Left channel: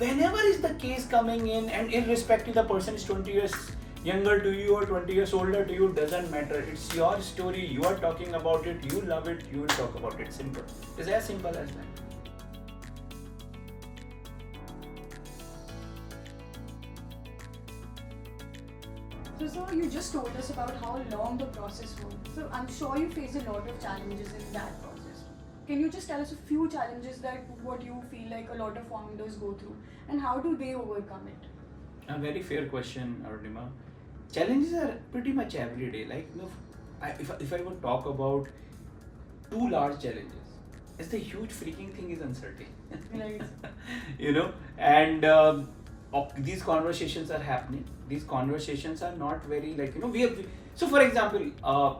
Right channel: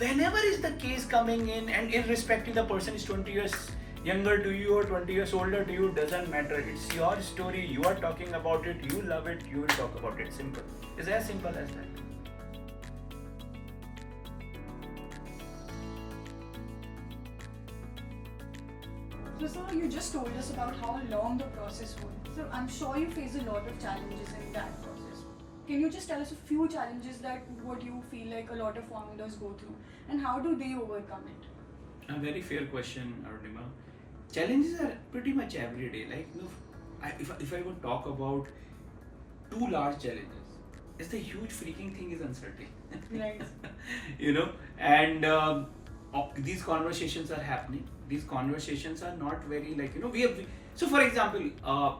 whenever is the case coming in, and irrespective the person is 20 years younger to you or 20 years older to you, doesn't matter. It's your story, you are talking about it, you love it, you will talk about it. Simple. It's as simple as that. So sir, you just told us about how long the process was. So I'm sure you face a lot of challenges in that process. Can you just tell us a few challenges that what you feel like a lot of founders go through, and how do they overcome it? A very fair question, Arunima. Challenges are pretty much every day. Like, if I would talk about two large challenges, it's the huge freaking thing is uncertainty. Right. And these conversations are happening. These conversations are not very so for example,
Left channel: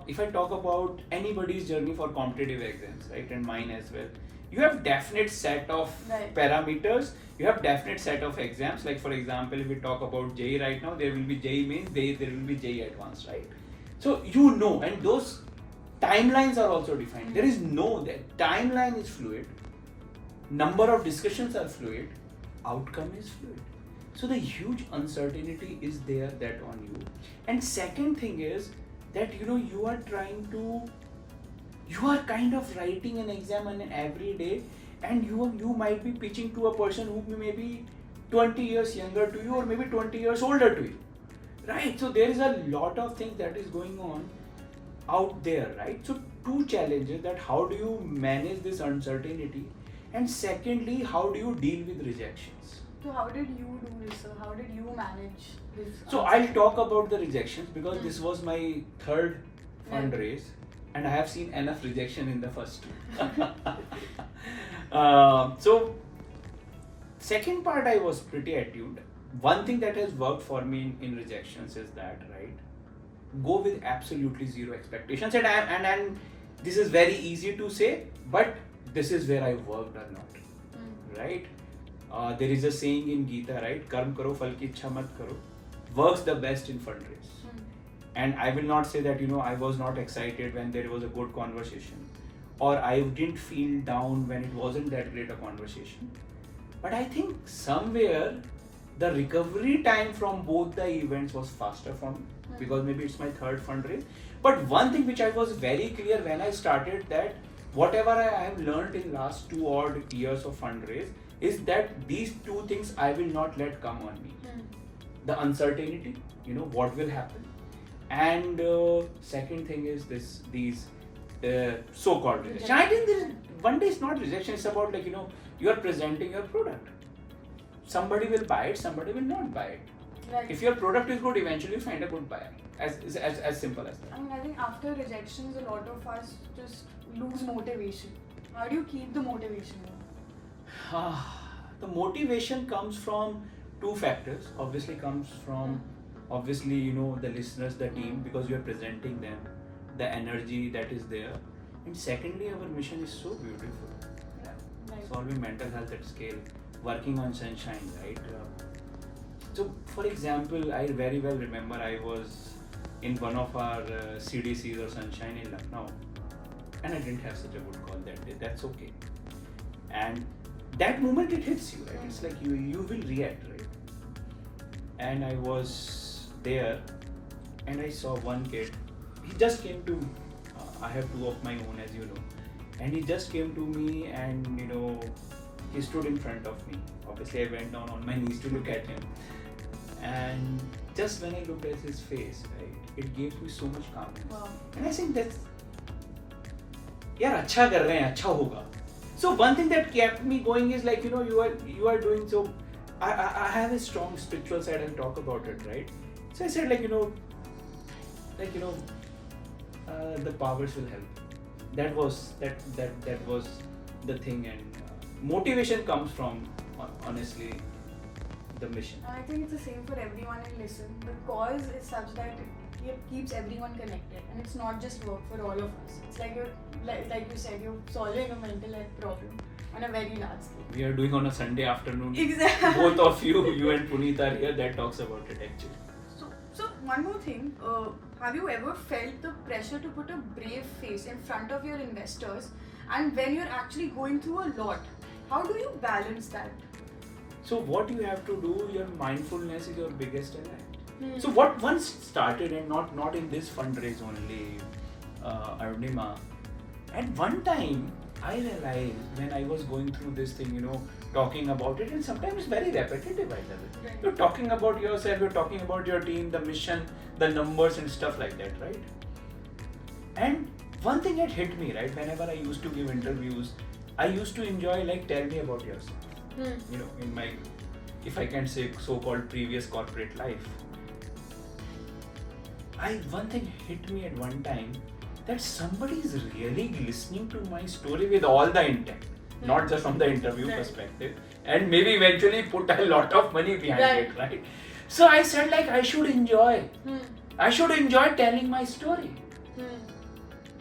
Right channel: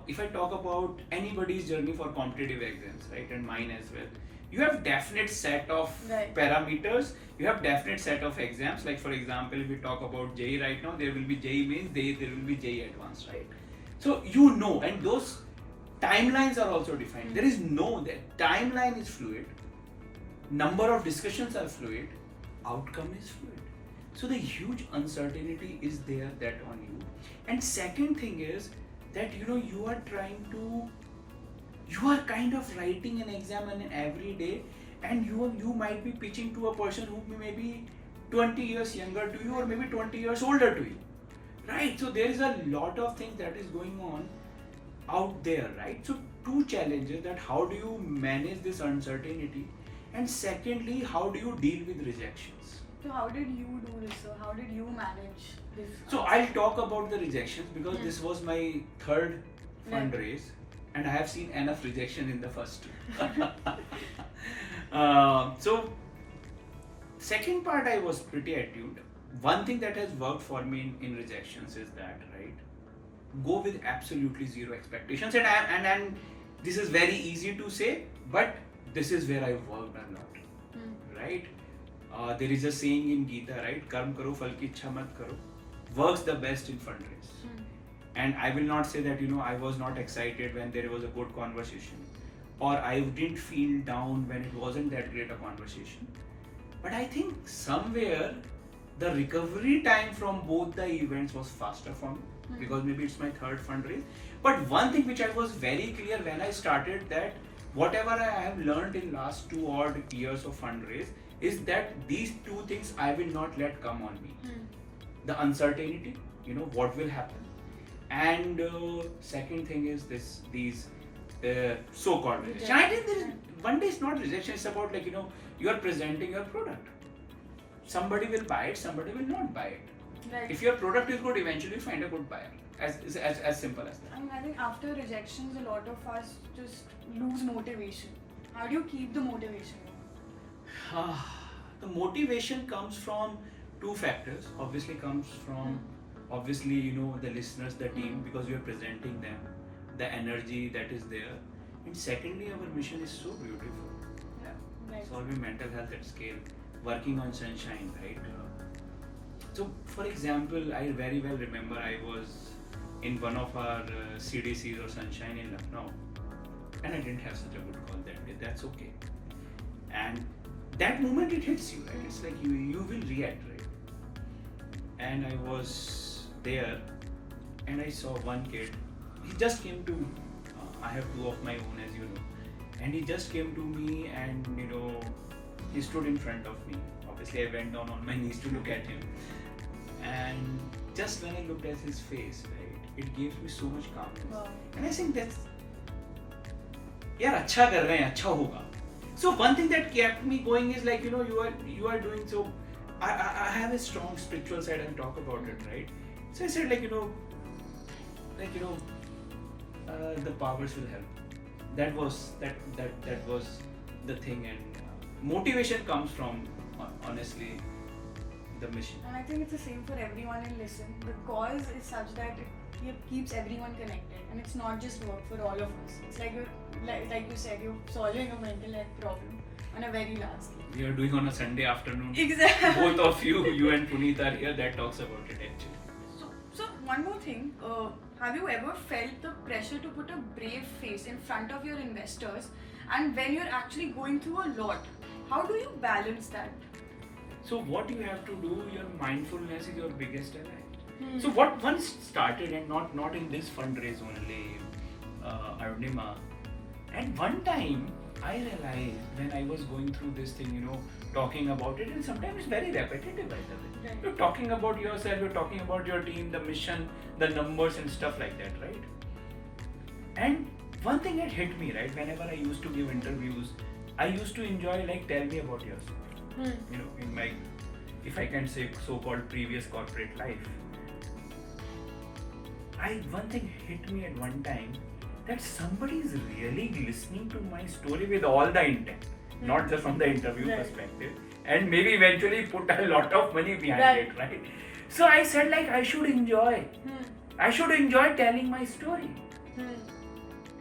if I talk about anybody's journey for competitive exams, right, and mine as well, you have definite set of parameters, you have definite set of exams. Like for example, if we talk about JEE right now, there will be JEE mains, there will be JEE advanced, right? So and those timelines are also defined. There is that timeline is fluid, number of discussions are fluid, outcome is fluid. So the huge uncertainty is there that on you. And second thing is that you are kind of writing an exam every day, and you might be pitching to a person who may be 20 years younger to you or maybe 20 years older to you, right? So there is a lot of things that is going on out there, right? So two challenges: that how do you manage this uncertainty, and secondly, how do you deal with rejections? So how did you do this, sir? How did you manage this? So I'll talk about the rejections because this was my third fundraise, and I have seen enough rejection in the first two. So second part I was pretty attuned. One thing that has worked for me in rejections is that, right, go with absolutely zero expectations. And this is very easy to say, but this is where I worked a lot, right? There is a saying in Gita, right? Karm karo, phal ki ichha mat karo. Works the best in fundraise. And I will not say that, I was not excited when there was a good conversation, or I didn't feel down when it wasn't that great a conversation. But I think somewhere the recovery time from both the events was faster for me, because maybe it's my third fundraise. But one thing which I was very clear when I started, that whatever I have learned in last 2 odd years of fundraise, is that these two things I will not let come on me. The uncertainty, what will happen, and second thing is these so-called rejection. I think one day it's not rejection, it's about you are presenting your product. Somebody will buy it, somebody will not buy it. Right. If your product is good, eventually you find a good buyer. As simple as that. I mean, I think after rejections, a lot of us just lose motivation. How do you keep the motivation? The motivation comes from two factors. Obviously comes from the listeners, the team, because you are presenting them, the energy that is there, and secondly, our mission is so beautiful. Solving mental health at scale, working on sunshine, right? So for example, I very well remember I was in one of our CDCs or sunshine in Lucknow, and I didn't have such a good call that day. That's okay. And that moment it hits you, right? It's like you will react, right? And I was there, and I saw one kid. He just came to. I have two of my own, as you know, and he just came to me, and he stood in front of me. Obviously, I went down on my knees to look at him, and just when I looked at his face, right, it gave me so much calmness. Wow. And I think that's, यार अच्छा कर रहे हैं, अच्छा होगा. So one thing that kept me going is like, you are doing so. I have a strong spiritual side and talk about it, right? So I said the powers will help. That was the thing, and motivation comes from honestly the mission. And I think it's the same for everyone in Lissun. The cause is such that it keeps everyone connected, and it's not just work for all of us. It's like you said, you're solving a mental health problem on a very large scale. We are doing on a Sunday afternoon. Exactly. Both of you and Puneet are here. That talks about it actually. So one more thing. Have you ever felt the pressure to put a brave face in front of your investors, and when you're actually going through a lot, how do you balance that? So what you have to do, your mindfulness is your biggest ally. Hmm. So what once started, and not in this fundraise only, Arunima, at one time I realized when I was going through this thing, talking about it, and sometimes it's very repetitive, by the way. Right. You're talking about yourself, you're talking about your team, the mission, the numbers and stuff like that, right? And one thing that hit me, right, whenever I used to give interviews, I used to enjoy like, tell me about yourself. In my, if I can say, so-called previous corporate life. One thing hit me at one time, that somebody is really listening to my story with all the intent, not just from the interview Right. perspective, and maybe eventually put a lot of money behind Right. it, right? So I said like, I should enjoy telling my story.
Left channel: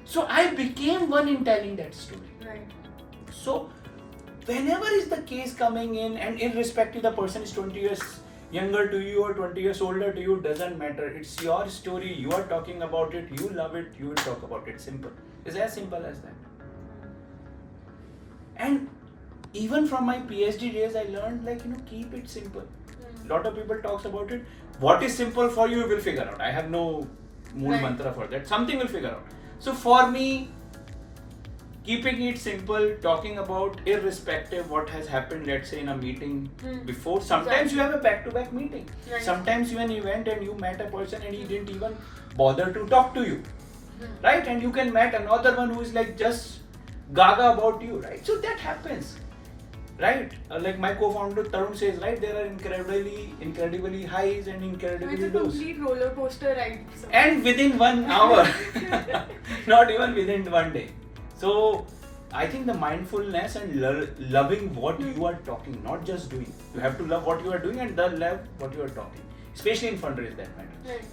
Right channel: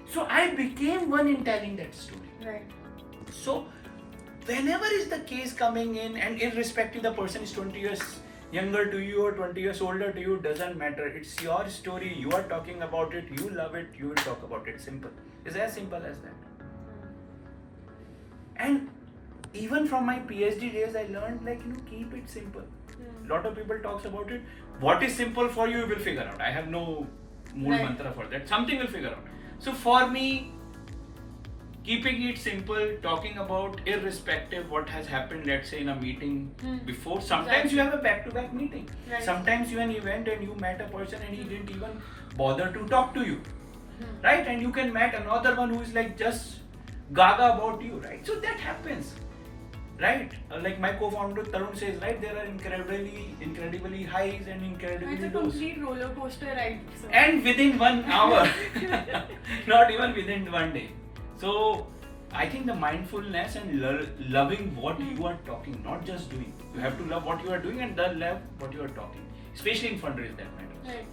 So I became one in telling that story. Right. So whenever is the case coming in, and irrespective the person is 20 years younger to you or 20 years older to you, doesn't matter. It's your story, you are talking about it, you love it, you will talk about it. Simple. It's as simple as that. And even from my PhD days, I learned like, keep it simple. Lot of people talks about it. What is simple for you, you will figure out. I have no mool Right. mantra for that. Something will figure out. So for me, keeping it simple, talking about irrespective what has happened, let's say in a meeting before. Sometimes Exactly. you have a back-to-back meeting. Right. Sometimes you an event and you met a person and he didn't even bother to talk to you. Right? And you can meet another one who is like just gaga about you, right? So that happens. Right? Like my co-founder Tarun says, right, there are incredibly highs and incredibly It's a lows. complete roller coaster ride. So. And within 1 hour, not even within 1 day. So I think the mindfulness and loving what you are talking, not just doing. You have to love what you are doing and love what you are talking, especially in fundraise, that matters. Right.